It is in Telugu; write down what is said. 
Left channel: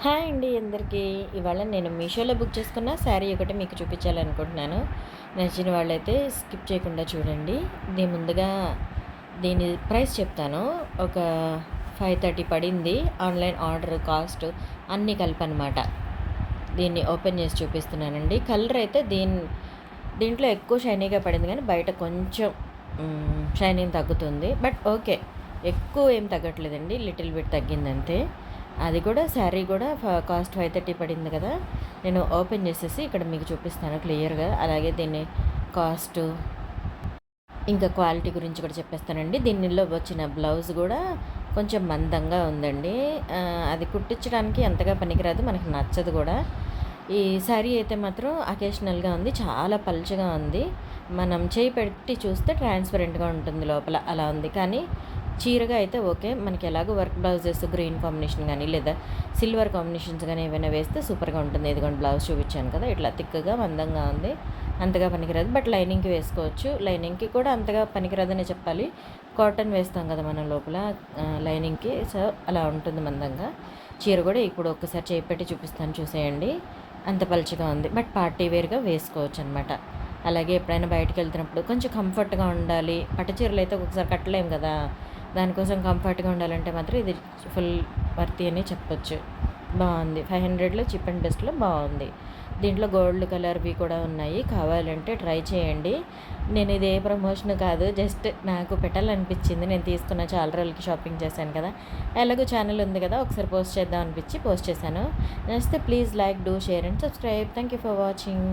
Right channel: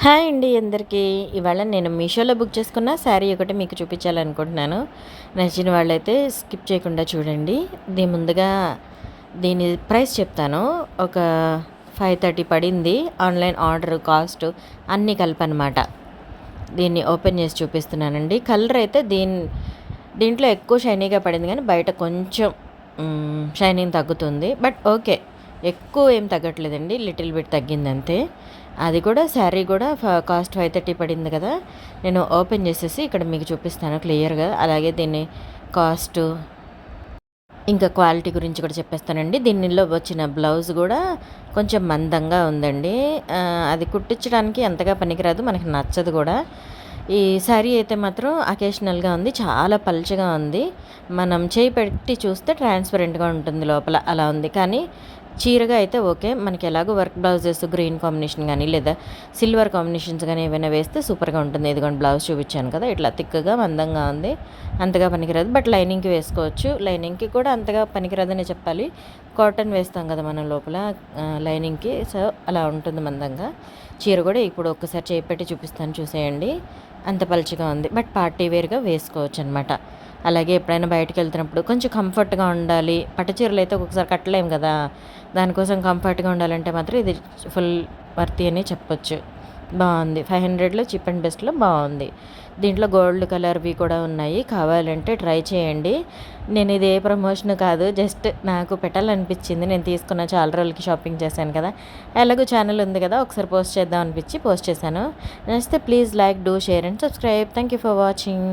హాయ్ అండి అందరికీ. ఇవాళ నేను మీషోలో బుక్ చేసుకున్న శారీ ఒకటి మీకు చూపించాలనుకుంటున్నాను. నచ్చిన వాళ్ళైతే స్కిప్ చేయకుండా చూడండి. ముందుగా దీని ప్రైస్ చెప్తాను. ఒక 530 పడింది. ఆన్‌లైన్ ఆర్డర్ కాస్ట్ అన్నీ కలిపనమాట. దీన్ని ఓపెన్ చేసి చూపిస్తున్నానండి. కలర్ అయితే దీంట్లో ఎక్కువ షైనీగా పడింది కానీ బయట కొంచెం షైనింగ్ తగ్గుతుంది. But okay. ఎక్కువ ఏం తగ్గట్లేదండి. Little bit తగ్గిందంతే. అది కూడా శారీ కూడా కాస్ట్ 530 పడింది కదా! నేను ఓపెన్ చేసేసి ఇక్కడ మీకు చూపిస్తాను క్లియర్‌గా. అలాగే దీన్ని కాస్టు, ఇంకా క్వాలిటీ గురించి కూడా చెప్పేస్తానండి. దీనిలో వచ్చిన బ్లౌజ్ కూడా కొంచెం మందంగా ఉందండి. అది కుట్టించడానికి అంతగా పనికిరాదు. మనకి నచ్చదు కూడా. ఈ శారీ అయితే మాత్రం అకేషనల్‌గా ఉంది. చాలా పల్చగా ఉంది. మనం చేయి పెట్టి చూస్తే ట్రాన్స్‌పరెంట్‌గా ఉంటుంది లోపల. అలా ఉంది. కానీ చీరగా అయితే ఓకే. మనకి ఎలాగో వర్క్ బ్లౌజెస్ గ్రీన్ కాంబినేషన్ గానీ, లేదా సిల్వర్ కాంబినేషన్స్ గానీ ఏవైనా వేస్తే సూపర్‌గా ఉంటుంది. ఇదిగోండి బ్లౌజ్ చూపించాను కదా! ఇట్లా థిక్‌గా మందంగా ఉంది. అంతగా పనికిరాదు. బట్ లైనింగ్‌కి వేసుకోవచ్చు. లైనింగ్‌కి కూడా అంతగా పనికిరాదనే చెప్పాలి. కాటన్ వేస్తాం కదా మనం లోపల లైనింగ్‌కి. సో, అలా ఉంటుంది మందంగా. చీర కూడా ఇప్పుడు ఒక్కసారి చేయి పెట్టి చూపిస్తాను చూసేయండి. అంత పలుచగా ఉంది. బట్ పార్టీ వేర్‌గా వేసుకోవచ్చనమాట. అలాగే ఎప్పుడైనా బయటికెళ్తున్నప్పుడు కొంచెం కంఫర్ట్‌గా ఉండాలి. పట్టు చీరలు అయితే ఒక్కొక్కసారి కట్టలేం కదా! దానికోసం కంఫర్ట్‌గా ఉండాలంటే మాత్రం ఇది ఫుల్ వర్తీ అనే చెప్పొచ్చు. బావుంది. 500లో చీప్ అండ్ బెస్ట్‌లో బావుంది. దీంట్లో గోల్డ్ కలర్‌వి కూడా ఉన్నాయి. కావాలంటే ట్రై చేయండి. నేను ఇది ఏ ప్రమోషన్ కాదు. జస్ట్ నాకు పెట్టాలనిపించింది. నేను తీసుకున్న చాలా రోజులకి షాపింగ్ చేశాను కదా! ఎలాగో ఛానల్ ఉంది కదా! ఒకసారి పోస్ట్ చేద్దాం అనిపించి పోస్ట్ చేశాను. నచ్చితే please like, do, share and subscribe. Thank you for watching.